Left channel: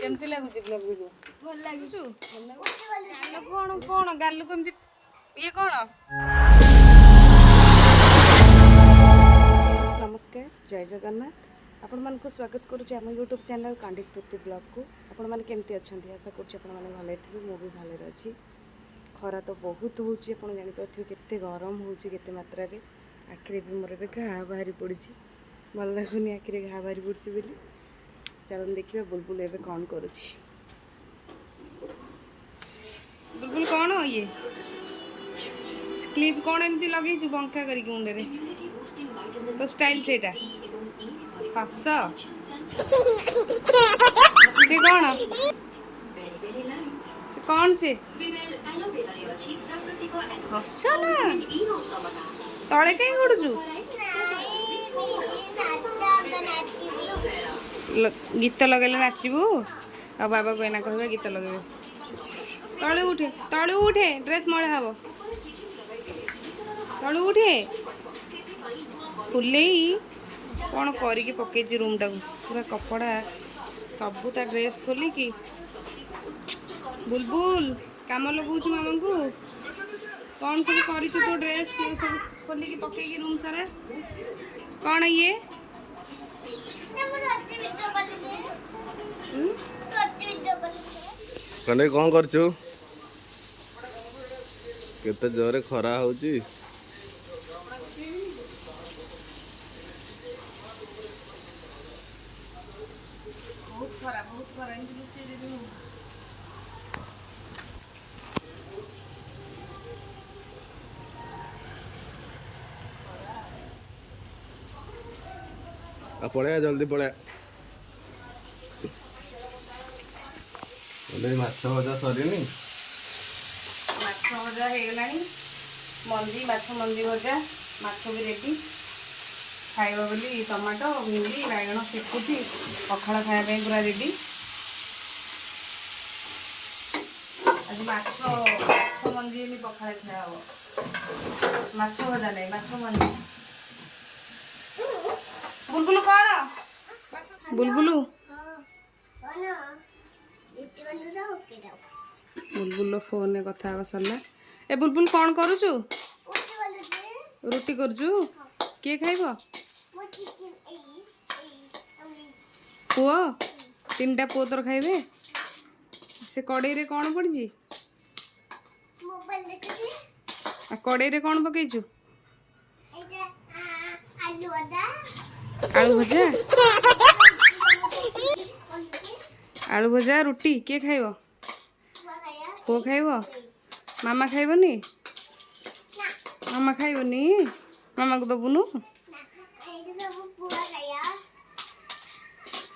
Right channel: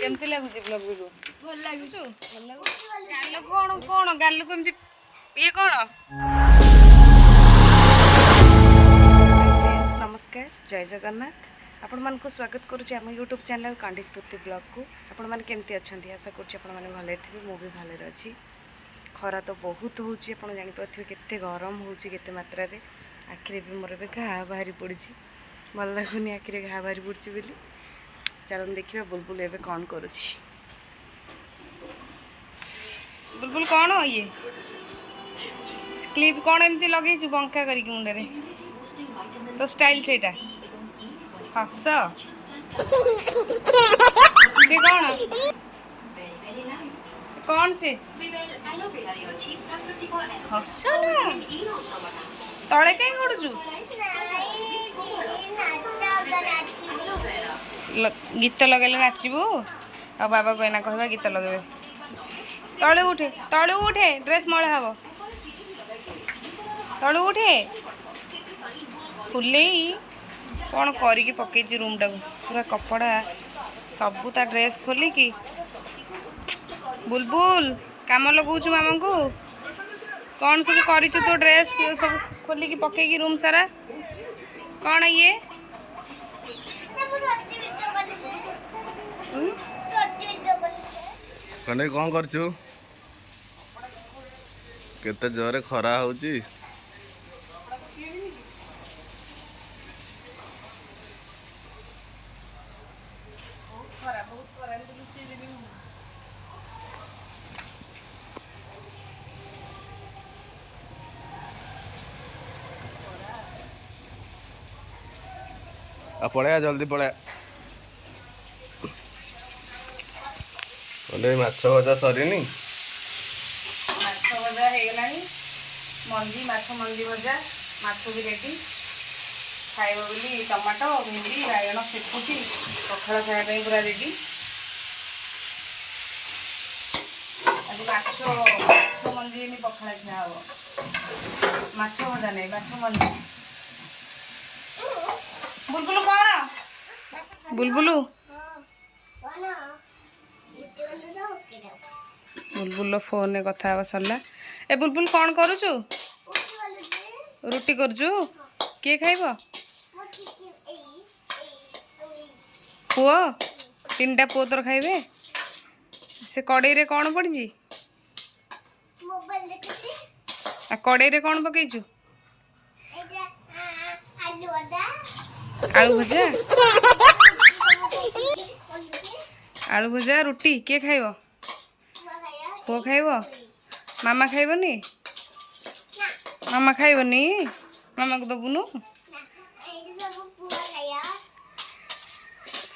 केमती लागुची blog video भल लागुछु गालो कोन कोन गालो केमती ये कोन फ्रेंड्स नमस्कार जय जगन्नाथ आपण मन को स्वागत करूची हम YouTube चैनल कांडी स्तुति ब्लॉग को आपण मन केमती अछंती आशा करूची आपण मन भले थिबे मो भी भले रहची खरा तो बहुत होची आपण जानि पथियो केते गरम होची केते मात्रा रे आखिरे भी मोर बे घा बाहरी पड़िची भल लागुनी आखिरे घा बाहरी पड़ची बेली चलन देखिए बुलबुल एवं कौन करुच्छी बुलबुल कौन हो ये क्लिप कौन एमती लगे बंका कर मुंडे तो स्टाइल से हस से कौन कौन से हस ना तले कहीं गड़ुचु गीत लगेले नाचबू आ बाबा को एना कहबा गीत लगेबे तळु उठे ड्रेस मळा हबो तळु उठे फुलेई कौन करिकी पकेजी रूम टाको पूरा कपड़ा सबू ता ड्रेस खोली की बुलबुल काम लगाउछु मामा को कौन सब करिछु तो ड्रेस सब खोली की पकेगी रूम सारा कौन ये कने कौन करछु केते जोरे खरा होची बहुत खरा एंती लुचि देबी मु आ पड़े जल्दी पड़े माछ भजा सरीनी माछ भजा हो गलानी मंदी माछ मंदी भजा माछ भी रेडी खाइबा बोली टमाटो भिंडी बाइगण सेकुची पखाड़ खाइबा पूरा रेडी आज माछ मंदी नहीं पखाड़ खा हम माछ भजा नहीं माछ मंदी बुलबुल कौन बुलबुलू बुलबुल फोन में कथा सरला ए बुलबुल कौन करुचु रुटी करजु किए खाइब पुओ तीन टा पुओ तोर खाइबे से कड़ई रे कौन पड़ी कड़ई रे कौन पकईचु आलू भजा आलू भजा रुटी किए खाइब पुओ खाइब मामा खाइबनी मामा खाइबनी मामा को दबुनु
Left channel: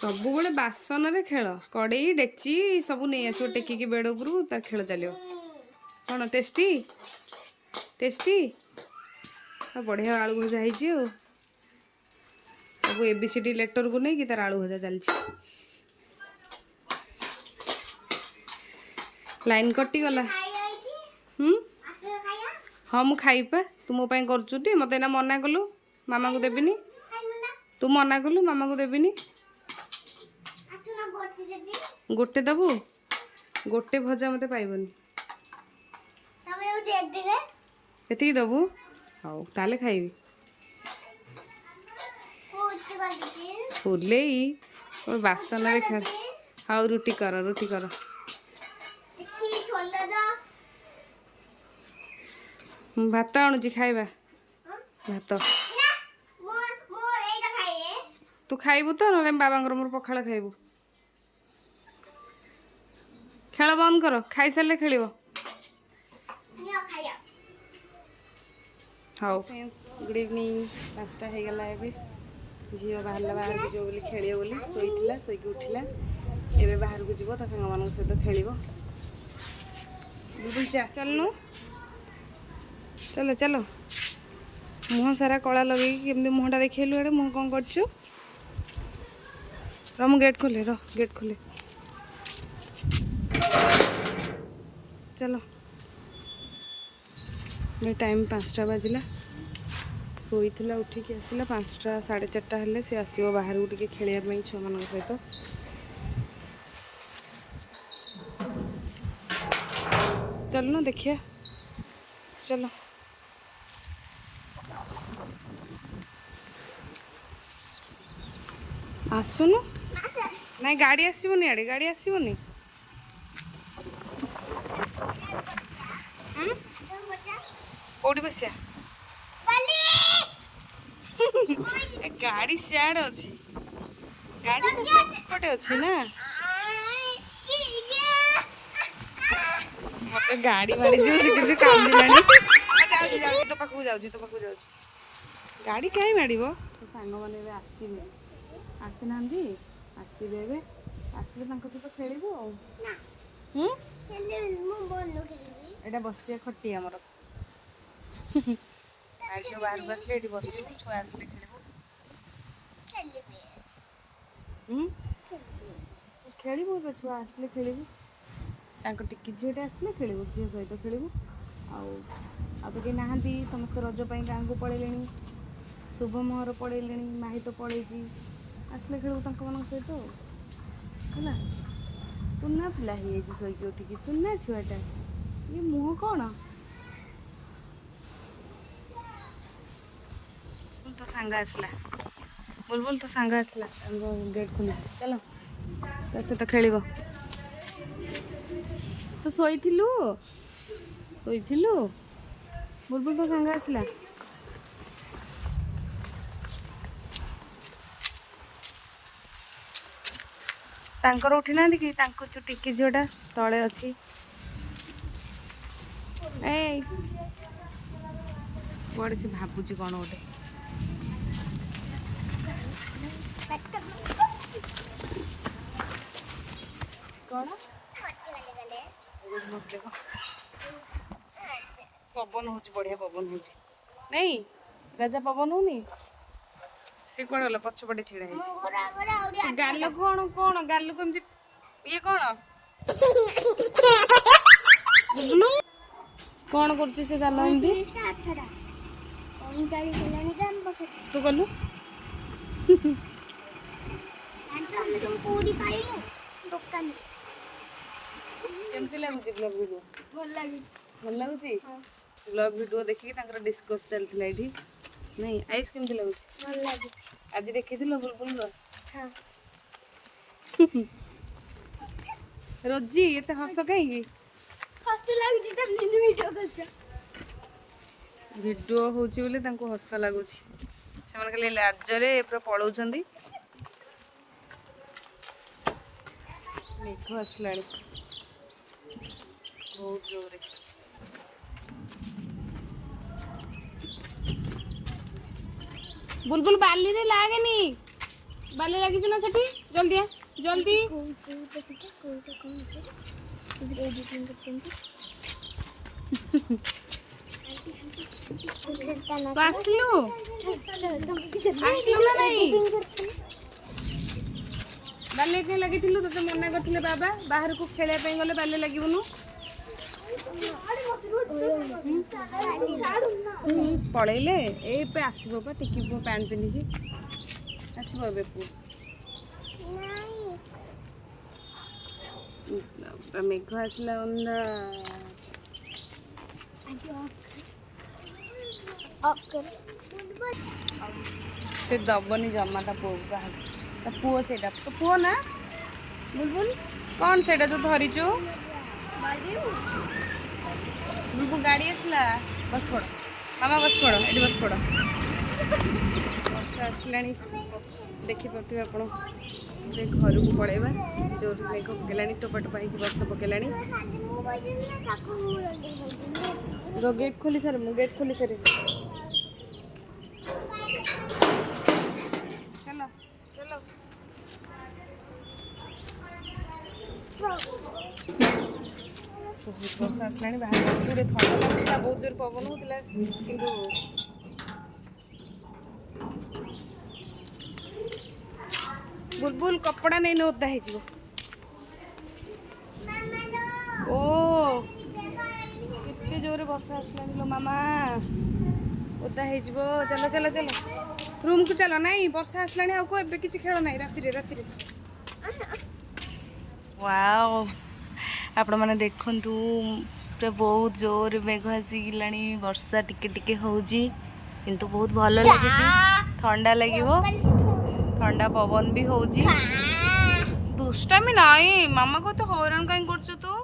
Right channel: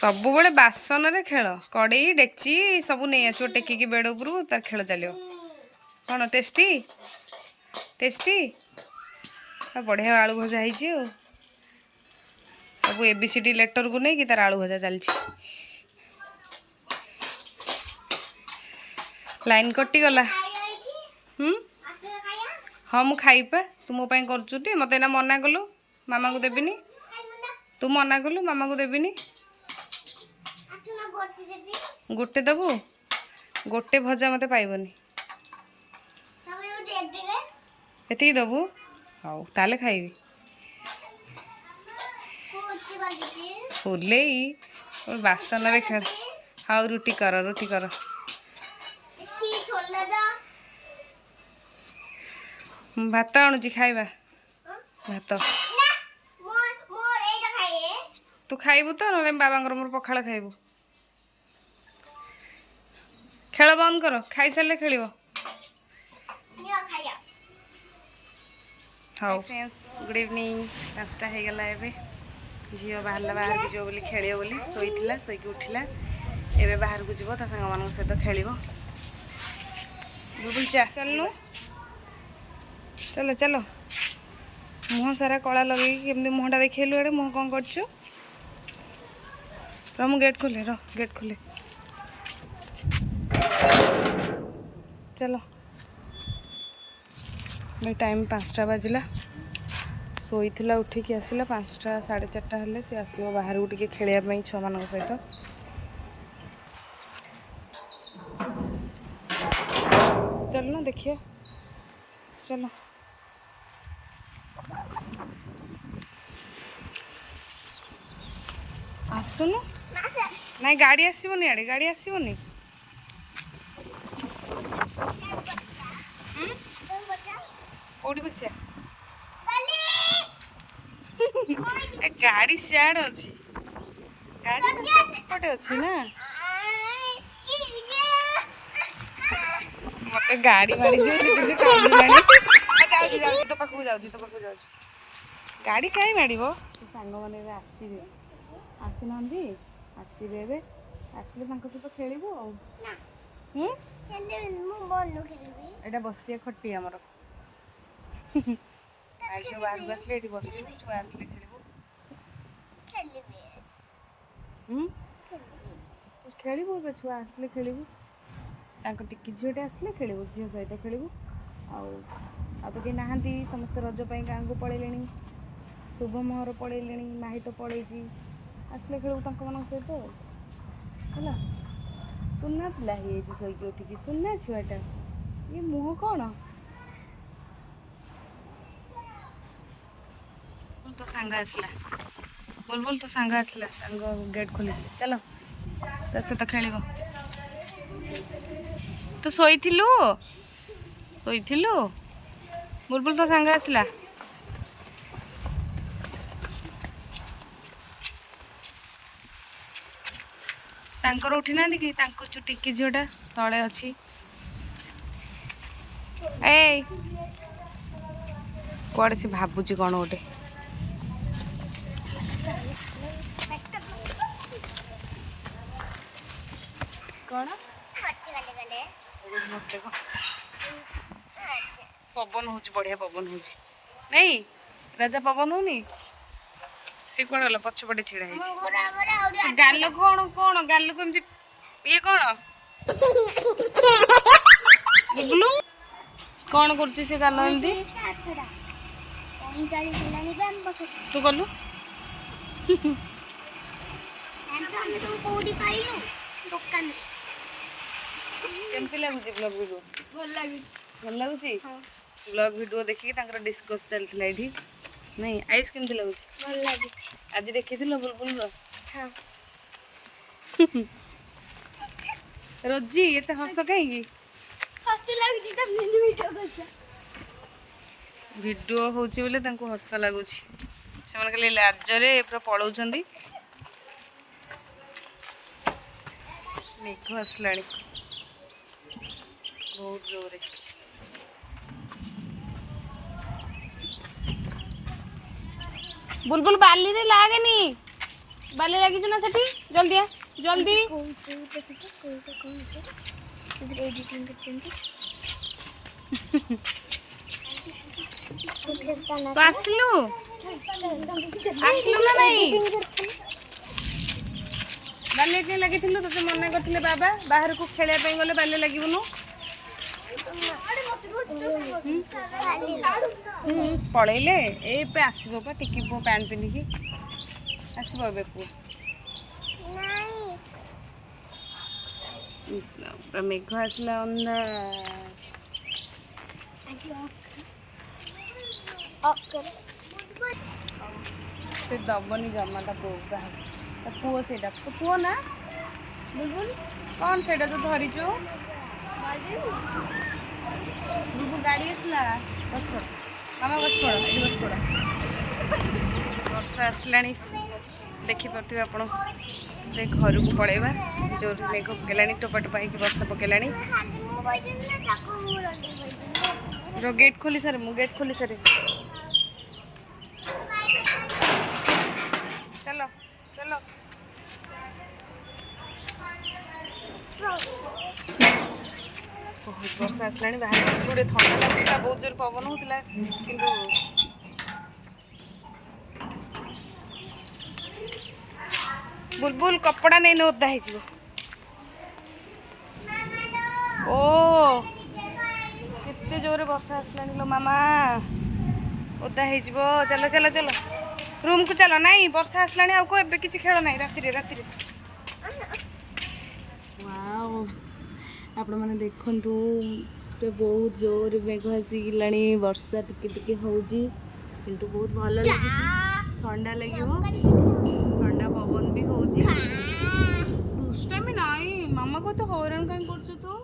सब बड़े बासन रे खेल कड़ई डेक्ची सब नहीं आसो टेकिकी बेड उपरू तार खेल चलो कौन टेस्टी टेस्टी बढ़िया आलू भजा है सब एबीसीडी लेटर को नहीं कि तार आलू भजा चलती लाइन कटि गला हाँ मु खाइपा तू मो करचुटी मत एना मना कलु मामा को देबिनी तू मना कलु मामा को देबिनी गोटे दबु गोटे भजा मत पाइबनी एति दबु हाउ ताले खाइबी फुले बासन रे खेल हाउ रुटी कर भात आणुची खाइबा भात तू खाइबू तो ना बाबा मोर पखाड़ खाइबू खेल बंद कर खाई सारे खेल हाँ गुड इवनिंग 5टा हो गला झील बाहर बाहर को जो खेल बोली शोला शोक उठला एवं बाहर को जीव ता सांग मान सहित खेल बुलबुल चा चलनु चलो चलो मुह सारा कला लगे केमती मुहटा देखलु एडे मुह कौन कर गेट खोले गेट खोले चलो भाई टाइम 5टा बाजिला शोला उठिकी आसला 5टा 4:30 हेले सी आसो बाहर को टे खेलवाई छुआ मान सहित चलो ना देखिए चलो आसुनु नाई गाड़ी आसबनी आड़े गाड़ी आसबनी कौटी बसिया गाड़ी सियाड़े अच्छी गाड़ी तो सेपटे अच्छी ना मत गाड़ी मारी जो तो पाखु जाऊँ गाड़ी कहीं माड़ तो सांग मैंने आसवे आसीना आसवे आसले सहित खेलबू एटा बसिया खटी आमर आज बाहर आसले ये बस छुआ आसले खेलबू खेलबू छुआ आसले खेलबू टिकी झीटे आसले खेलबू झील सहित खेलबू आउ तो कहीं नहांती समस्त रज गाँ को पलैले शुभ मोहर पलैले माही तो पलैी आसले खेलबू मान सहित है सुना पिला हो शोक उठिकी सुना छुआटा ये मुह कौन तो सांग आसला बुलबुल तो सांग आसला गेट खोली चलो तो सहित खेल तू शोइथिलु बुलबुल तो सांग आसला तांकर उठी ना कि टिकी झीटा तले अच्छी ए कौड़े से भावुची कौन गोटे कौन पवन हो बढ़िया पवन हो नहीं राजा पवन होनी सी कौन गला पछपटे छिड़ा गाल कौन कौन गाल को एमती ये कौन कौन कर गाल एमती तू गलु केमती लगुच ब्लॉग वीडियो भल लगुच ब्लॉग वीडियो देखिए डिस्कस चलता ये नहीं आयुष केमती लगुच आज देखी बुलबुल रोजी ये हस कहीं वीडियो होची बोले तांको हस लगुच से खाली लाजरे पूरा पलाउछंदी मेघ आसला बहुत जोरे बुलबुल बाली रे लागेनी बाली लगी ना सेठी जल्दी जल्दी आसलु आसलु ना नहीं बाली के लगी तो मना करते बाबा बाहर को खेल गले बाली लगुनु पलैले ए आसब पा टिकी पु पैंट पिंधिकी आसब ए पु मेघ आसला से दबनी जमा ता पुओ पुओ से तो पुओ ना बुलबुल कौन से जो धरीचु बुलबुल गाड़ी आसला बस पड़ मामा बस पड़ ये बस पड़ वर्षा आसला देखिपे आप से घर को पलैबा जो मेघ पकेला टोपा टोपा हो वर्षा पकेला गेट खोली सारे मु गेट खोली सारे चलो चलो बहुत वर्षा आसला बाहर गोटे थंडा लगुला बहुत जोर पवन होता किंतु बुलबुल कपड़ा नहीं ओदा हो केते जोरे वर्षा आसला लो मामा ओदा हो चलो चलो चलो रूम को चलो नहीं वर्षा आसला आउ एबे किछि खेल नहीं राति राति वाओ आपण माने देखंतु ପୁରା ବହୁତ ଜୋର ମେଘ ଆସିଲାଣି ବର୍ଷା ଟିକେ ଟିକେ ହେଉଛି କିନ୍ତୁ ବହୁତ ଭଲ ଲାଗୁଛି ଥଣ୍ଡା ଲାଗିବ ଥଣ୍ଡା ପବନ ବି ହେଉଛି ଦୁଷ୍ଟାମି ନାଇଁ ମାମା କତ ହଇରାଣ କାହିଁ କରୁଛୁ ତୁ